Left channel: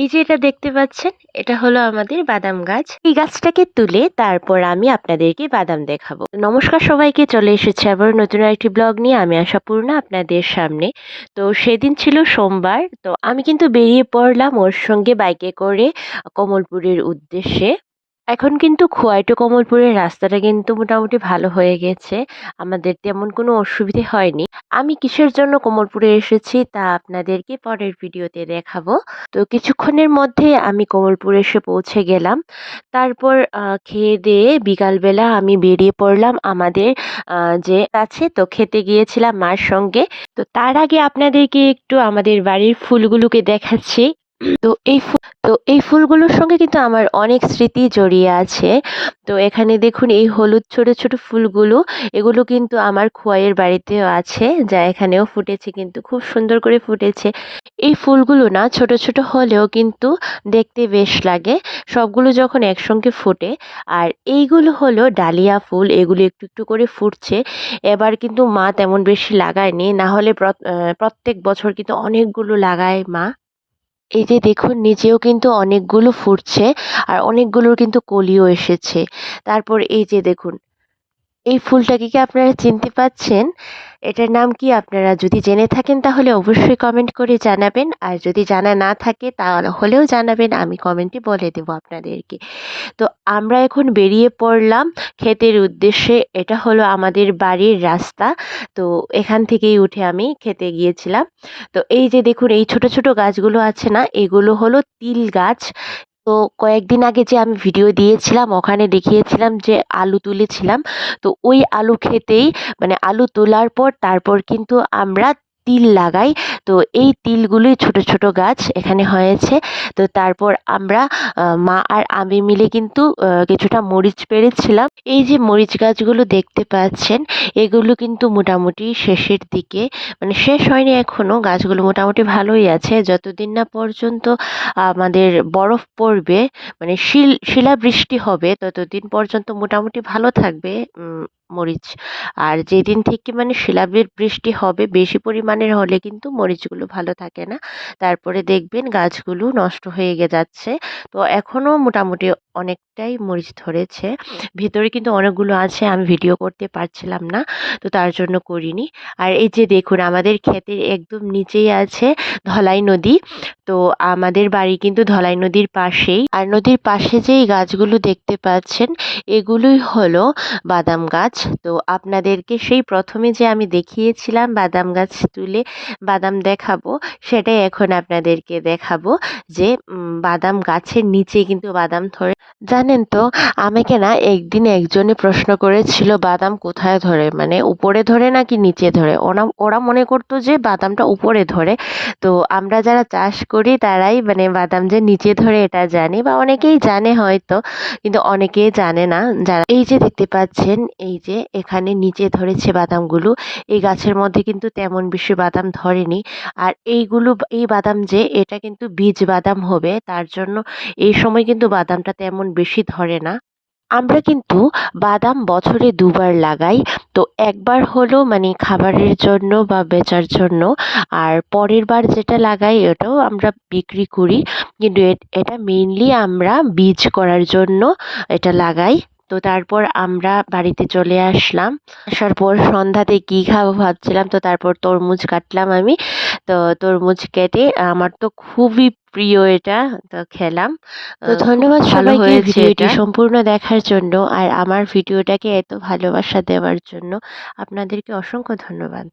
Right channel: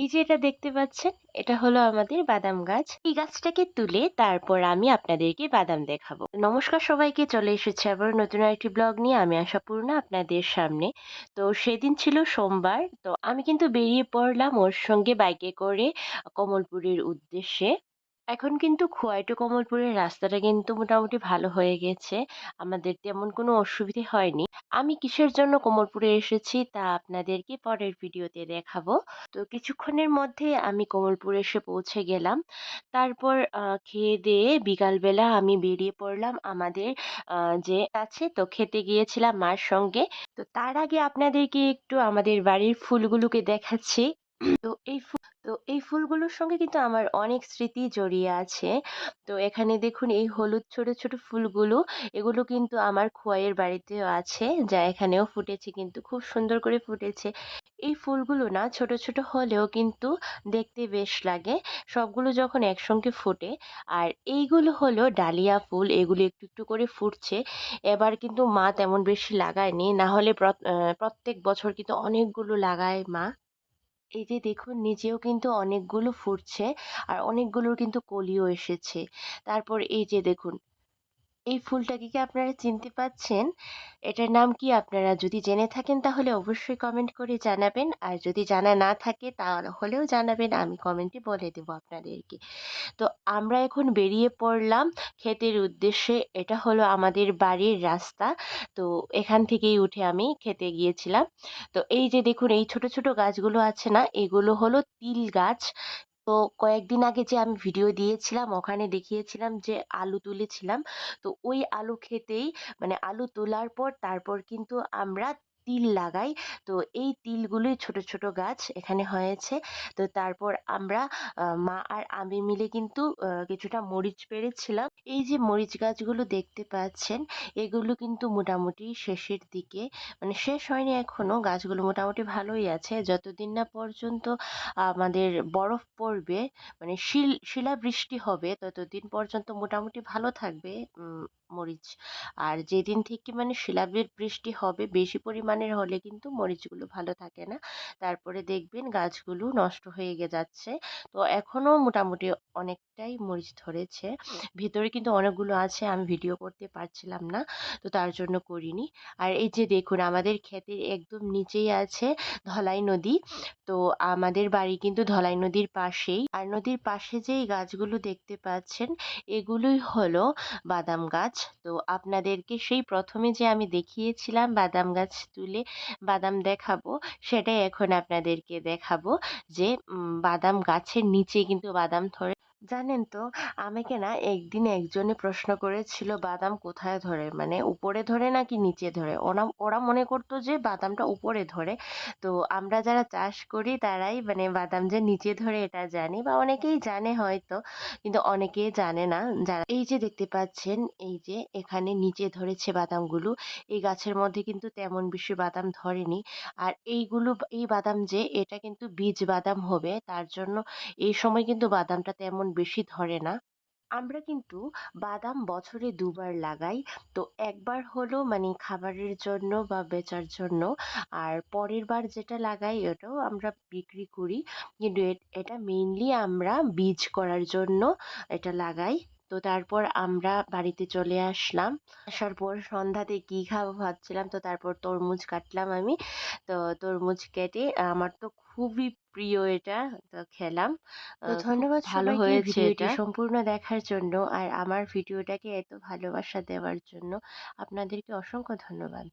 এই যে এটা দেখতে পাচ্ছেন, এটা হলো আমাদের বাদাম গাছ। এই গাছটাকে তুলে তারপর আমি আপনাদেরকে বাদাম দেখাবো। নমস্কার সবাইকে, চলে এসেছি আবার নতুন আরেকটি ব্লগ নিয়ে। আমি আশাপূর্ণা আপনাদের সামনে। তো সেদিন ছিল সোমবার। তো আমি কিন্তু বেরিয়ে পড়লাম ওর সঙ্গে বাইকে করে কমলপুরের উদ্দেশ্যে। এখন কিন্তু খোয়াই টু কমলপুরের রাস্তাটা কিন্তু মোটামুটি ভালো হয়ে গেছে। আমাদের তেমন কোনো অসুবিধে হয়নি। আমি কিসের জন্য কমলপুরে এসেছি তা আপনাদেরকে পরের ভিডিওতে দেখাবো। তো কিছুক্ষণের মধ্যে আমি কমলপুর এসে পৌঁছে গেলাম। তারপর খেয়ে-দেয়ে বিকালবেলা আমি বেরিয়ে পড়লাম আমাদের যে আছে, তো খেতে গিয়েছিলাম মার সঙ্গে। তো তার আগে আপনাদেরকে একটু আমাদের বাড়ির ফুলগুলোকে দেখাচ্ছি। তো এই ফুলগুলোর সঙ্গে কিন্তু আমার অনেক স্মৃতি জড়িয়ে আছে। তো এখানে দেখুন এই হলুদ ছোট ছোট ফুলগুলো, এগুলো কিন্তু আমার খোয়াইয়ের বাড়িতেও আছে, যা এখানেও ফুটেছে, কিন্তু খুব সুন্দর করে ফুটেছে। এই ফুলগুলো না ছোট ছোট হলেও কিন্তু দেখতে বেশ লাগে, সবগুলো যখন একসঙ্গে ফোটে। আর এইগুলো হলো ডালিয়া ফুল, এগুলো একটু একটু করে ফুটছে। এবার কিন্তু মা তেমন বেশি লাগায়নি, না হলে প্রত্যেক বছর কিন্তু অনেকগুলো লাগায় মা। এই যে দেখুন নিচেও কিন্তু অনেকগুলো ফুটছে, আর অনেকগুলোর কিন্তু কলিও এসেছে। তারপর এই যে দেখুন, এই ফুলটাকে কি আপনারা চিনতে পাচ্ছেন? এটার নাম কি? আপনারা যদি জেনে থাকেন তাহলে অবশ্যই কমেন্ট করে জানাবেন। আর যদি জানা না থাকে তাহলেও জানাবেন, আমি কমেন্টে বলে দেব আপনাদেরকে। তো আমরা এখন বেরিয়ে পড়লাম ক্ষেতের উদ্দেশ্যে। এটা হলো আমাদের বাড়ির রাস্তা। তো এখান থেকেই উঠে আমি খেতে গিয়েছিলাম। তো এই যে দেখুন এই ছোট ছোট গাছগুলো আছে না, এগুলো হলো তিল গাছ। তো কয়েকদিন আগে যে আমি ভিডিও দিয়েছিলাম ওখানে দেখিয়েছিলাম যে আলু তুলেছিলাম। তো ওই আলু খেতেই, মানে আলু তোলার পর তারপর কিন্তু আমরা তিল লাগাই। তো এই তিলগুলোই ছোট ছোট গাছ এখানে হয়েছে। তো তারপর আমরা মা আর আমি মিলে কিন্তু কিছুটা মরিচ পেড়েছিলাম। এই যে মরিচ গাছগুলো দেখতে পাচ্ছেন, এগুলো কিন্তু মোটামুটি শেষের দিকে, মানে শেষ হয়নি এখনো, গাছগুলো মোটামুটি ভালোই আছে। যতদিন না পর্যন্ত আমাদের বরফ পড়বে, মানে শিলাবৃষ্টি হবে, ততদিন পর্যন্ত মোটামুটি ভালো থাকবে মরিচ। আর যেদিন থেকে মানে বৃষ্টি হবে বেশি পরিমাণের, হলে কিন্তু মরিচগুলো ভালো থাকে না। তারপরে দেখবেন গাছগুলো নষ্ট হয়ে যাচ্ছে। তো এখনো মোটামুটি অনেকটাই মরিচ ধরেছে। ভিতরে কিন্তু অনেকগুলো আছে, আমি ভিডিও করতে পারছিলাম না, তো তার জন্য করিনি। আর এই যে দেখুন আমাদের ক্ষেতের একদম নিচেই আছে ধলাই নদী। তো আমাদের বাড়ি কিন্তু ধলাই নদীর পাশেই। আর নদীর পাশে যেই গাছগুলো দেখতে পাচ্ছেন, এগুলোই হলো বাদাম গাছ। তো আপনাদেরকে সেই প্রথমে যে আমি দেখিয়েছিলাম বাদাম গাছ তুলে বাদাম দেখাবো, সেটাই এখন আপনাদেরকে দেখাবো। যে বাদাম গাছের নিচে কিন্তু বাদাম ধরে। জানেন তো, আমাকে না একদিন একজনে প্রশ্ন করেছিল বাদাম কোথায় ধরে, মানে উপরে ধরে নাকি নিচে ধরে। ওরা ওরা মনে করতো যে বাদামটা উপরে ধরে। তো আমরা যারা চাষ করি তারাই মানে বাদাম যে নিচে ধরে এটা জানি, বা অনেকেই জানে হয়তো, কিন্তু অনেকেই জানে না। যারা এই যে দেখতে পাচ্ছেন, এই যে এখানে নিচে ধরেছে বাদামগুলো, এই গাছের মধ্যে কিন্তু তেমন বেশি বাদাম ধরেনি। আর এই বাদাম যে এটা কিন্তু বীজ বাদাম হবে, তার জন্য এই সময় কিন্তু বাদামটা তেমন বেশি ধরে না। আমরা কিন্তু বাদাম বছরে দুবার লাগাই। তো একবার হলো মানে খাবারের জন্য বা বেচার জন্য, আর পরের বার যেটা লাগাই ওটাও আমরা বিক্রি করি। কিন্তু এটা মেইনলি আমরা বীজ করার জন্য এটা লাগাই। তো তারপর আমরা বাড়িতে চলে আসলাম। আসার পর সন্ধ্যাতে কি খাবো ভাবছিলাম, তো তারপর তরমুজ কাটলাম আমি। তো তরমুজ কেটে, আমার তো খুবই প্রিয় এটা, তো খেলাম। তো খুব ধন্যবাদ ভালো সবাইকে হয়েছে ভিডিওটি এটা। সম্পূর্ণ দেখার জন্য, আর আমার ভিডিওটাকে এত ভালোবাসা দেওয়ার জন্য আপনাদেরকে অসংখ্য ধন্যবাদ।